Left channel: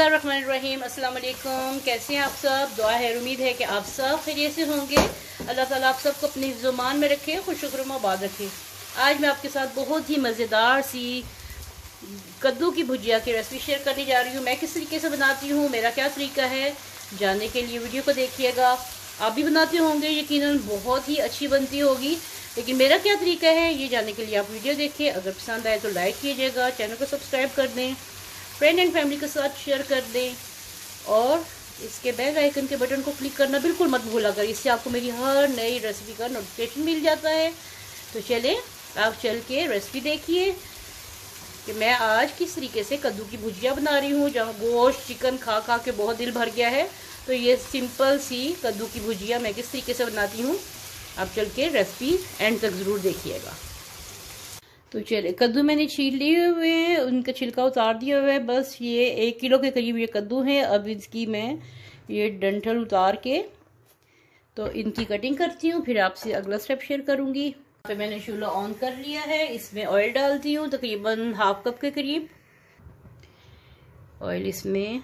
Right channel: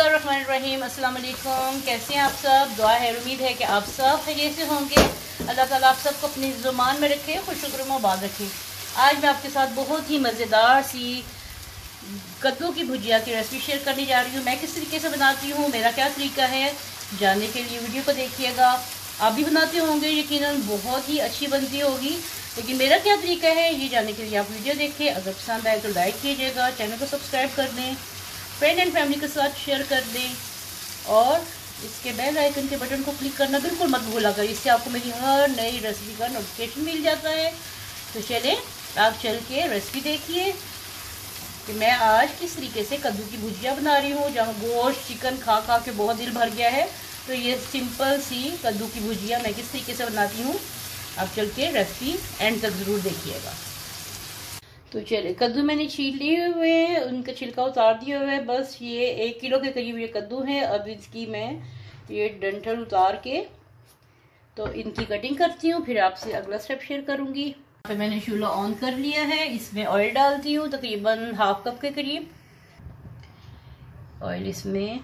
बिस्मिल्लाहिर्रहमानिर्रहीम। अस्सलाम वालेकुम। कैसे हैं आप सब? दुआ है, उम्मीद है कि आप सब खैरियत से होंगे। अल्लाह ताला आप सबको अपनी ज़ुबान में रखे, खुशनुमा आबाद रखे। आज मैं आपके साथ बहुत ही मज़ेदार सी कद्दू की भुजिया की रेसिपी शेयर करने जा रही हूँ। मैं किस तरीके से बनाती हूँ, मेरा क्या तरीका है, जानने के लिए वीडियो को देखिएगा। आप भी बनाते होंगे, यकीनन बहुत ही अच्छी बनती होगी, लेकिन मेरा क्या तरीका है ये जानने के लिए आप वीडियो देखिए। अगर पसंद आए तो लाइक कीजिएगा, चैनल को सब्सक्राइब कर दें, फ्रेंड एंड फैमिली के साथ शेयर कर दें और इसके बेल आइकन के बटन को क्लिक करना बिल्कुल मत भूला कर, इससे आपको मेरी हर नई रेसिपी का नोटिफिकेशन मिल जाता है। तो चलें, आप चल के रेसिपी देखिए कि मैं आज किस तरीके से कद्दू की भुजिया बना रही हूँ। जहाँ गोश्त चिकन खा खा के बहुत दिल भर गया है, तो ये सिंपल सी कद्दू की भुजिया मैं किस तरीके से बनाती हूँ, आप चल के रेसिपी एंड तक ज़रूर देखिएगा। तो चलिए, कद्दू मैंने छील लिए हुए हैं, उनका छिलका उतार दिया हुआ है। बस ये 1 किलो के करीब ये कद्दू है। अब इसकी मैं ये डंठल उतार के तो इनकी कटिंग करती हूँ, फिर आपसे अगला स्टेप शेयर करूँगी। यहाँ पे मैंने चूल्हा ऑन कर लिया है, इसमें ऑयल डालती हूँ, तकरीबन हाफ कप के करीब ऑयल इसमें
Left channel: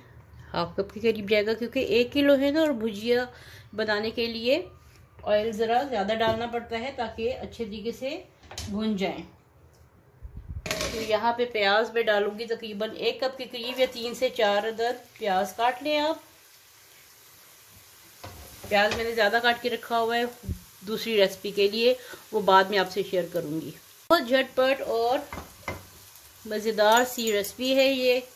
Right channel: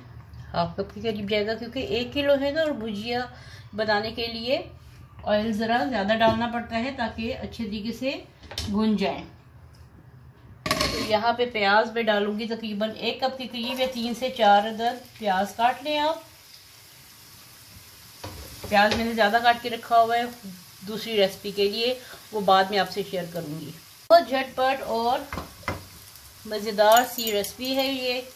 हाफ कप के करीब जाएगा, क्योंकि 1 किलो है ना, और भुजिया बनाने के लिए ऑयल ज़रा ज़्यादा डालना पड़ता है ताकि अच्छे तरीके से भुन जाए। तो यहाँ पे प्याज मैं डालूंगी तकरीबन 1 कप के करीब, या 3 से 4 अदद प्याज काट लें आप। प्याज मैंने ज़्यादा काट के रखा हुआ है दूसरी रेसिपी के लिए, वो बाद में आपसे शेयर करूँगी। बहुत झटपट और मज़ेदार सी रेसिपी है ये।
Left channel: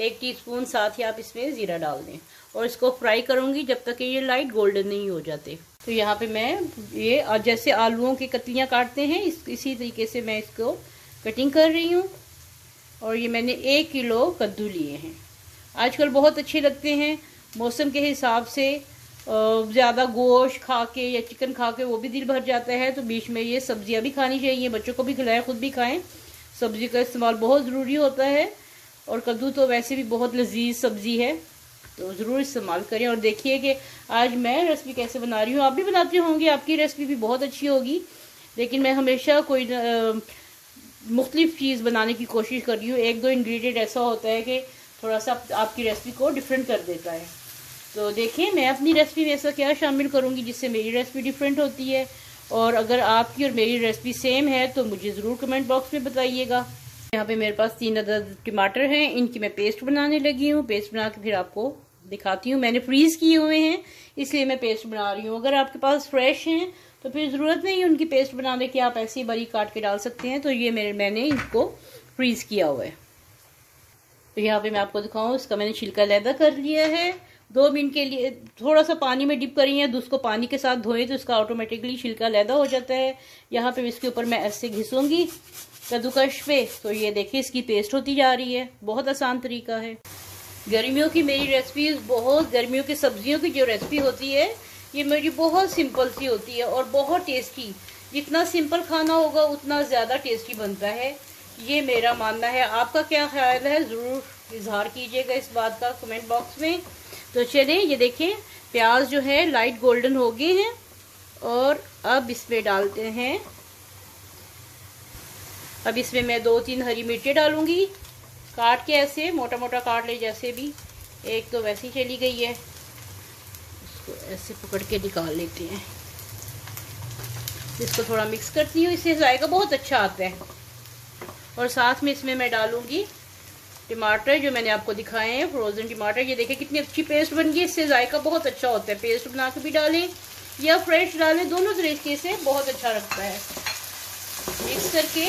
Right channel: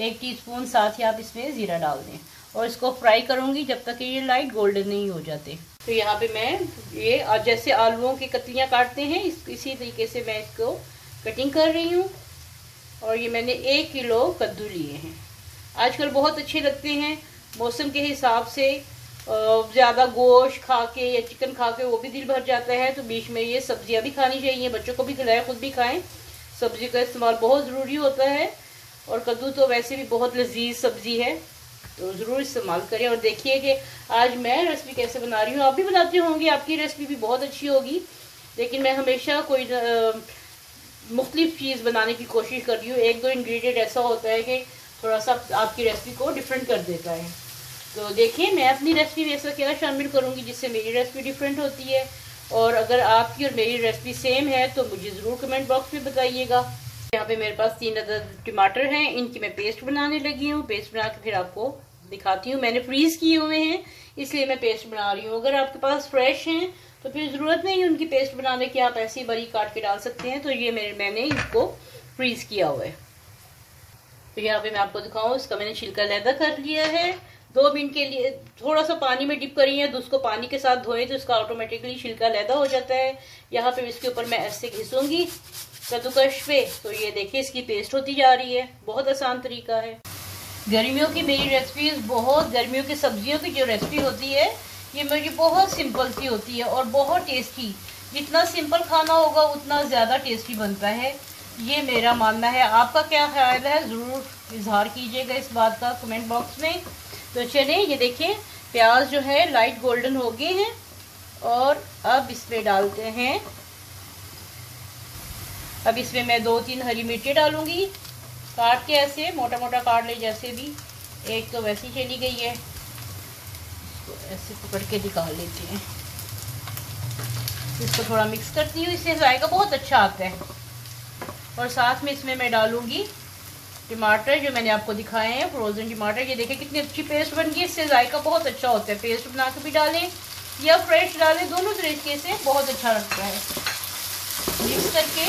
1 टीस्पून साथ ही आप इसमें ज़ीरा डाल दें और इसको फ्राई करूँगी जब तक कि ये लाइट गोल्डन नहीं हो जाते। तो यहाँ पे मैं ये जैसे आलूओं की कतलियाँ काटते हैं इसी तरीके से मैं इसको कटिंग कर रही हूँ। और ये मैंने 1 किलो कद्दू लिए हैं। आजकल बहुत अच्छे लगते हैं, मौसम के हिसाब से ज़्यादा गोश्त खा के या चिकन खा के वो भी दिल भर जाता है, तो बीच में ये सब्जियाँ भी खानी चाहिए, बच्चों को भी खिलाएं, खुद भी खाएं। सब्जी का इस्तेमाल बहुत ज़रूरी होता है, और कद्दू तो वैसे भी बहुत लजीज सब्जी है, तो ज़रूर इस्तेमाल करें। और देखिए कि आज मैं रेसिपी कैसे बना रही हूँ, आप भी बनाते होंगे, आपकी रेसिपी भी बहुत अच्छी होगी, लेकिन मैं हमेशा कोई मुख्तलिफ चीज़ बनाने की कोशिश कर रही हूँ। 1-2 इंग्रेडिएंट ऐसा होता है कि थोड़ा सा आपकी रेसिपी को डिफरेंट कर देता है। तो देखिए, मैं अपनी रेसिपी में ऐसा क्या शामिल करूँगी जिससे मेरी रेसिपी डिफरेंट होती है। और अगर आपकी और मेरी रेसिपी सेम है तो मुझे ज़रूर कमेंट बॉक्स में बताइएगा। यहाँ पे मेरे पास 3 अदद टमाटर हैं, इनकी मैं पेस्ट बनाने लगी हूँ। पेस्ट बना के फिर आपको दिखाती हूँ। मैंने फ्रीज किए हुए हैं इसलिए मैं पेस्ट बना रही हूँ। अगर आपके पास फ्रेश हैं तो फिर ज़रूरत नहीं है उनकी पेस्ट बनाने की, आप ऐसे ही बारीक काट के डाल सकते हैं। तो ये मैंने इसको फ्रीज किया हुआ है। तो यहाँ पे मैं आपको दिखाऊँ, इसका मैंने छिलका अलहदा कर लिया है। 2 मिनट के लिए थोड़ा सा पानी में डिप करिए, उसको पानी के साथ धोएं तो इसका ऑटोमेटिकली छिलका अलहदा हो जाता है। यहाँ पे इसके ऊपर मैं ऐसे घिसूंगी कद्दूकश पे, तो ये देखिए इसकी पेस्ट होती जा रही है। बहुत आसान तरीका है। गर्मियों की मेरी रेसिपीज, बहुत गर्मियों की सब्जियों की जो रेसिपी होती है ये मेरी बहुत सिंपल सी होती है और बहुत टेस्टी। जितना सिंपल खाना होगा उतना ज़्यादा टेस्टी बनता है, ये मेरा मानना है। आपका क्या ख्याल है, ज़रूर इजहार कीजिएगा इस बात का कमेंट बॉक्स में। तो चलिए, ये देखें प्याज जो है लाइट गोल्डन हो गए हैं, और अब इसमें डालते हैं, अब इसमें मैं 2-3 हरी मिर्चें डालूंगी, काट के ऐसे मोटा मोटा काट ले, जैसे भी। एक तो वैसी चली गई है, इसको ऐसे पकड़ के निकाल लेते हैं। इसको थोड़ा मिक्स करती हूँ, इससे जायका बहुत अच्छा आता है। और साथ में इसमें मैं डालूंगी टमाटर जो मैंने आपको दिखाए हैं, फ्रोजन टमाटर। ये देखिए कितनी अच्छी पेस्ट बन गई, इससे जायका बहुत अच्छा होता है। पेस्ट बना के भी डालें या फ्रेश डालें, दोनों तरीके से बहुत अच्छा लगता है। मिक्स करके,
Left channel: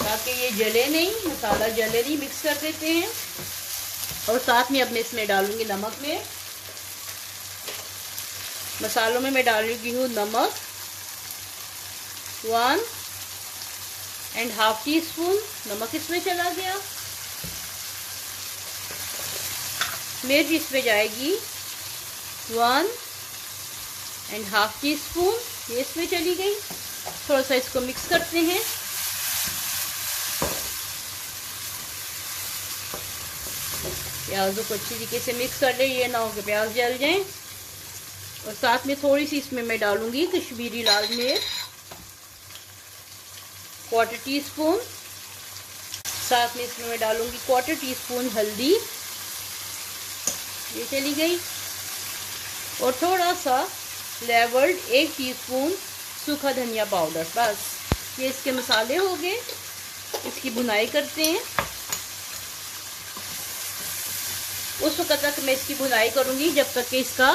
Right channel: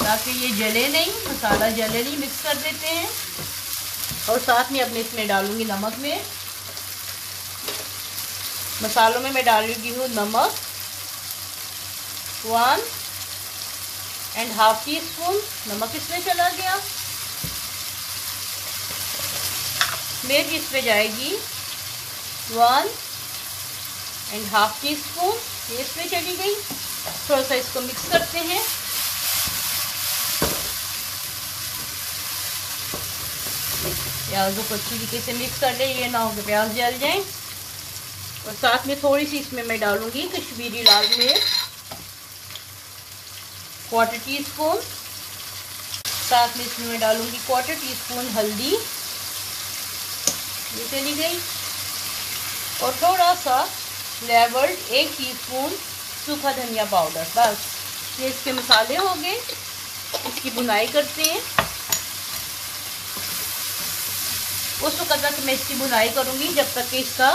ताकि ये जले नहीं, मसाला जले नहीं, मिक्स कर देते हैं। और साथ में अपने इसमें डालूंगी नमक में, मसालों में मैं डालूंगी हूँ नमक 1.5 टीस्पून नमक इसमें चला गया। मिर्च इसमें जाएगी 1.5 टीस्पून, ये इसमें चली गई। थोड़ा सा इसको मिक्स करते हैं। प्याजों को अच्छी तरीके से मिक्स कर ले, ये ना हो कि प्याज जल जाए। और साथ में थोड़ी सी इसमें मैं डालूंगी कश्मीरी लाल मिर्च 1/4 टीस्पून। साथ में इसमें मैं डालूंगी 1/4 टीस्पून हल्दी, ये चली गई, और थोड़ा सा लेवर्ड 1 टीस्पून सूखा धनिया पाउडर। बस ये इसके मसाले हो गए। इसकी भुनाई करते हैं। उस वक्त तक मैं इसकी भुनाई करूंगी जब तक कि इसका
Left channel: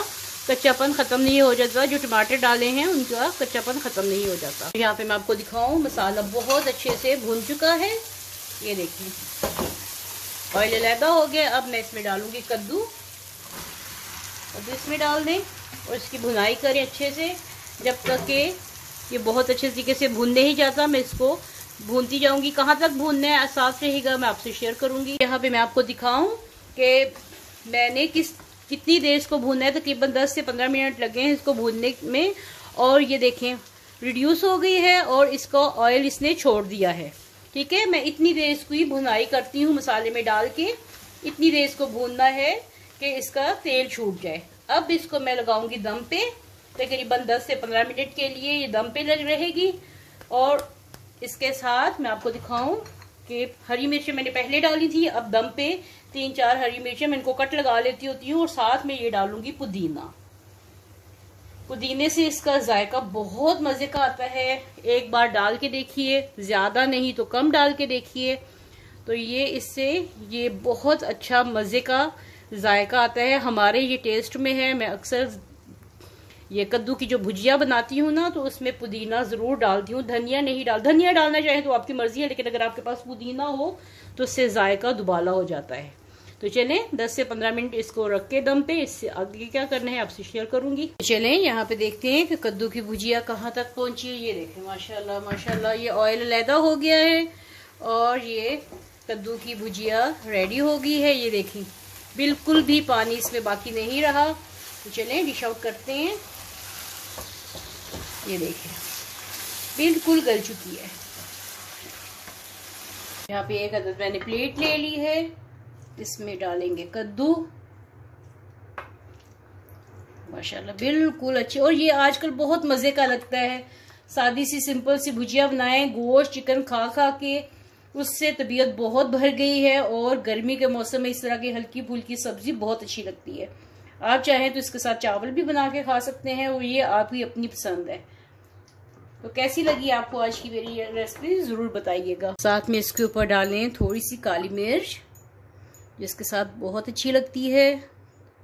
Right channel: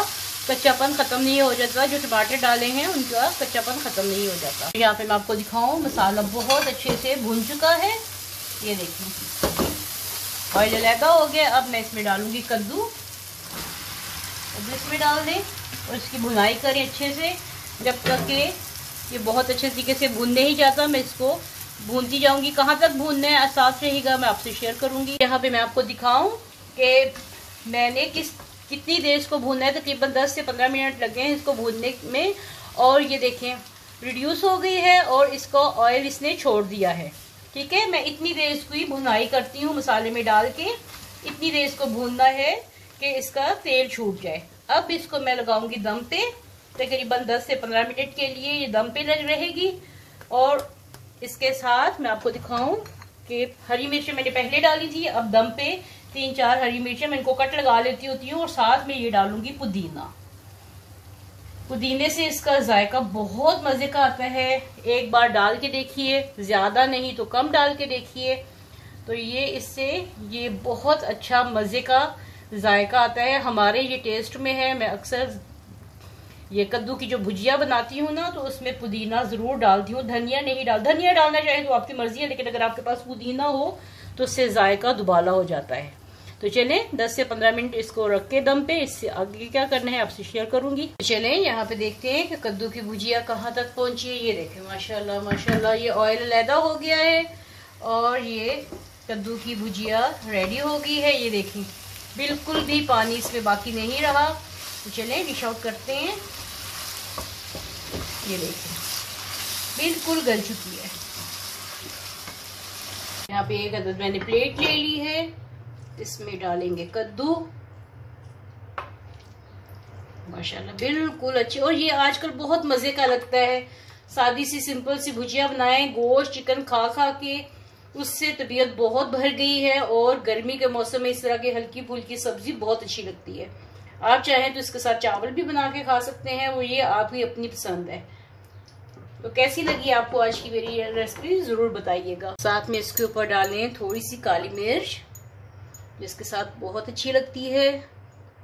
कच्चापन ख़त्म नहीं हो जाता। जो टमाटर डाले हैं उनका कच्चापन ख़त्म नहीं हो जाता। यहाँ पे मैं आपको दिखाऊं, मसाला बहुत अच्छे से भुन चुका है। ये देखिए ऑयल अलहदा हो गया। अब मैं इसमें डालूंगी कद्दू, इसमें डाल दें और इसकी भुनाई करें अच्छे से जब तक कि ये बहुत अच्छे तरीके से भून नहीं जाता। मैं इसको भूनती जाऊंगी। कहाँ तक भूनना है एहसास रहेगा, मैं आपसे शेयर करूंगी। यहाँ पे मैं आपको दिखाऊं कि मैंने कितनी देर इसको भूनना है। तकरीबन 10 से 15 मिनट लगे हैं इसको भूनने में। और ये देखें रिड्यूस हो गई है और इसको ऑयल इसने छोड़ दिया है। ठीक है, मैं इतनी देर इसको ही भुनाई करती हूँ मसाले में डाल के। इतनी देर इसको भूनना है कि इसका तेल छूट जाए। अब इसको मैं लगाऊंगी दम पे। तकरीबन 10 से 15 मिनट के लिए ये दम पे लग रहेगी। और इसके साथ मैं आपको दिखाऊं कि हरी मिर्चें मैंने पहले डाली थी। अब दम पे 3-4 हरी मिर्चें मैं इनको कट लगा लेती होती हूँ और साथ में ये डालूंगी पुदीना। पुदीने से इसका जायका बहुत मजे का आता है। एक बार डाल के देखिए, ज्यादा नहीं तो कम डाल के देखिए, तो ये इससे ये बहुत अच्छा मजे का जायका आता है। हमारे ये टेस्ट में है। मैं अक्सर ये कद्दू की जो भुजिया बनाती हूँ ना, तो उसमें पुदीना जरूर डालती हूँ। धनिया नहीं धनिया डालना चाहे तो आपकी मर्जी है, लेकिन अगर आपके पास पुदीना हो तो उससे जायका दुबाला हो जाता है। तो चले 10 से 15 मिनट इसको रख के दम पे। इससे आगे क्या करना है आपसे शेयर करूंगी। चले यहाँ पे देखते हैं कि कद्दू की भुजिया कहाँ तक पहुंची है। ये देखें माशाल्लाह माशाल्लाह, ये ऑयल अलहदा हो गया है और ये कद्दू की भुजिया रेडी हो गई है। ये देखिए बिल्कुल भी पानी इसमें बाकी नहीं रहा। तो चले डिश आउट करते हैं। ये देखिए बिल्कुल गल चुकी है। यहाँ पे एक अदद मैंने प्लेट ले ली है। इसमें डालेंगे कद्दू, माशाल्लाह बिल्कुल अच्छी। और ये आजकल बहुत मजे का लगता है। सादी सी सिंपल सी भुजिया बनाएं। गोश्त चिकन खा खा के उससे तबीयत बहुत भर गई है और गर्मी के मौसम में इस तरह की हल्की फुल्की सब्जी बहुत अच्छी लगती है। आप चाहें तो इसके साथ चावल भी बना के खा सकते हैं, और ये आपकी अपनी पसंद है। तो कैसी लगी आपको आज की मेरी रेसिपी जरूर बताइएगा। साथ में इसके ऊपर डालें थोड़ी सी काली मिर्च, जिसके साथ बहुत अच्छी लगती है।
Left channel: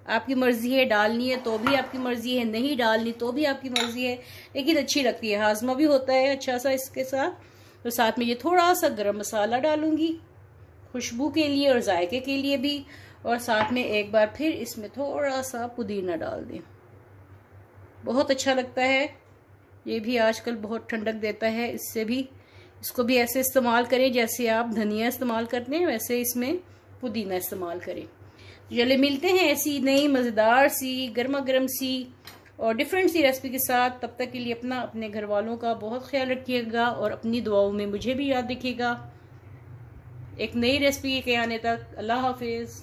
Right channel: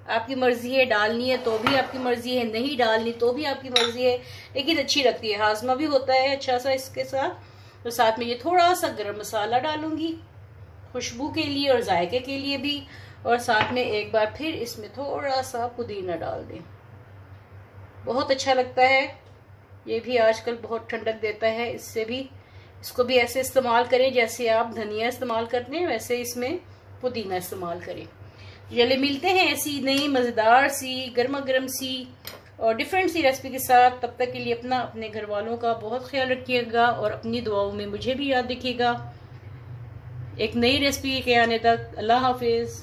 आपकी मर्जी है, डालनी है तो भी आपकी मर्जी है, नहीं डालनी तो भी आपकी मर्जी है, लेकिन अच्छी लगती है। हाजमा भी होता है अच्छा सा इसके साथ। तो साथ में ये थोड़ा सा गरम मसाला डालूंगी खुशबू के लिए और जायके के लिए भी। और साथ में एक बार फिर इसमें थोड़ा सा पुदीना डाल दें, बहुत अच्छा लगता है। ये भी आजकल बहुत ठंडक देता है। इससे भी इसको भी ऐसे इस्तेमाल करें जैसे आप धनिया इस्तेमाल करते हैं, वैसे इसमें पुदीना इस्तेमाल करें। चलिए मिलते हैं ऐसी नई मज़ेदार सी गर्मा गर्म सी और डिफरेंट सी रेसिपी के साथ। तब तक के लिए अपना अपने घर वालों का बहुत ख्याल रखिएगा और अपनी दुआओं में मुझे भी याद रखिएगा। एक नई रेसिपी के आने तक अल्लाह हाफिज़।